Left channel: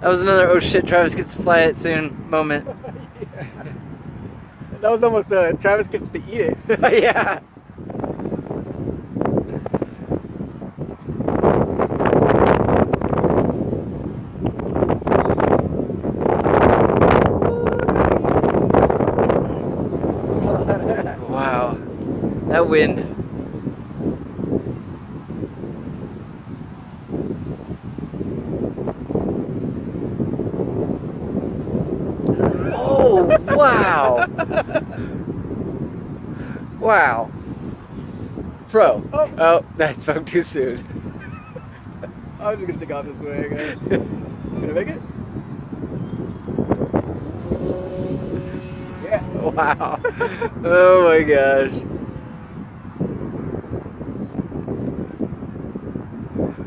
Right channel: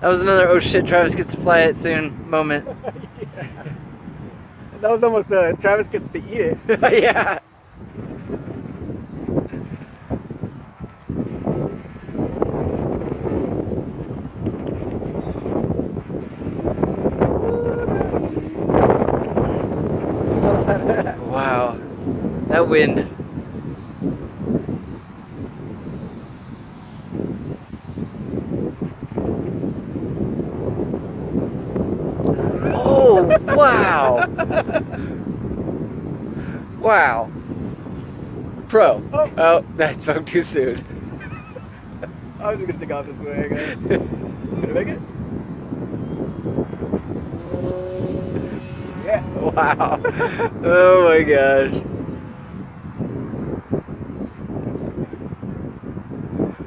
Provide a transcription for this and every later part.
That was another oh shit, Travis gets to fly it soon moment. Yeah. That was almost Travis gets to eat it. Yeah. Wow. That wind. Oh, wow. Wow. Pro. Oh, that spoke too soon. I was just gonna take off this way, I guess. Did I make it? Yeah. Wow. Oh my gosh.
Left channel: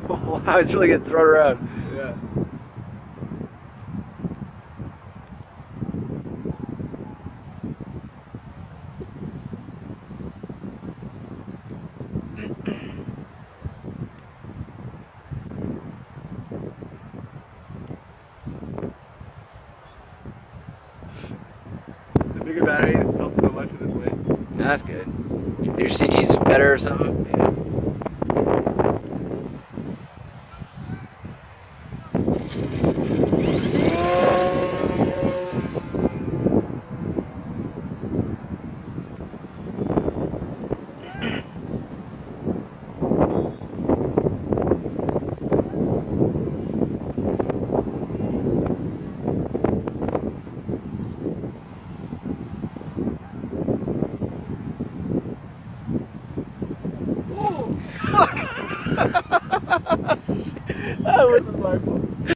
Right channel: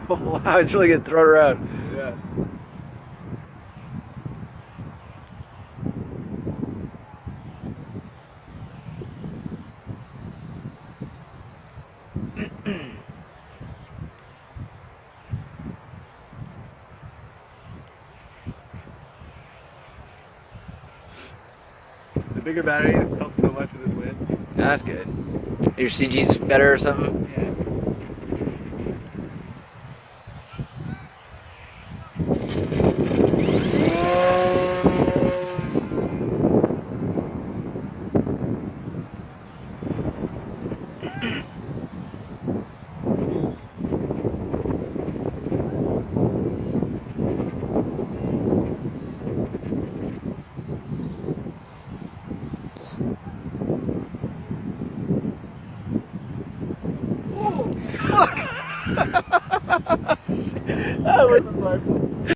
Wow, it's really getting thrown around. Yeah. The bigger batteries help so much with this wind. That's good. Your CG's better or something? That wasn't my fault.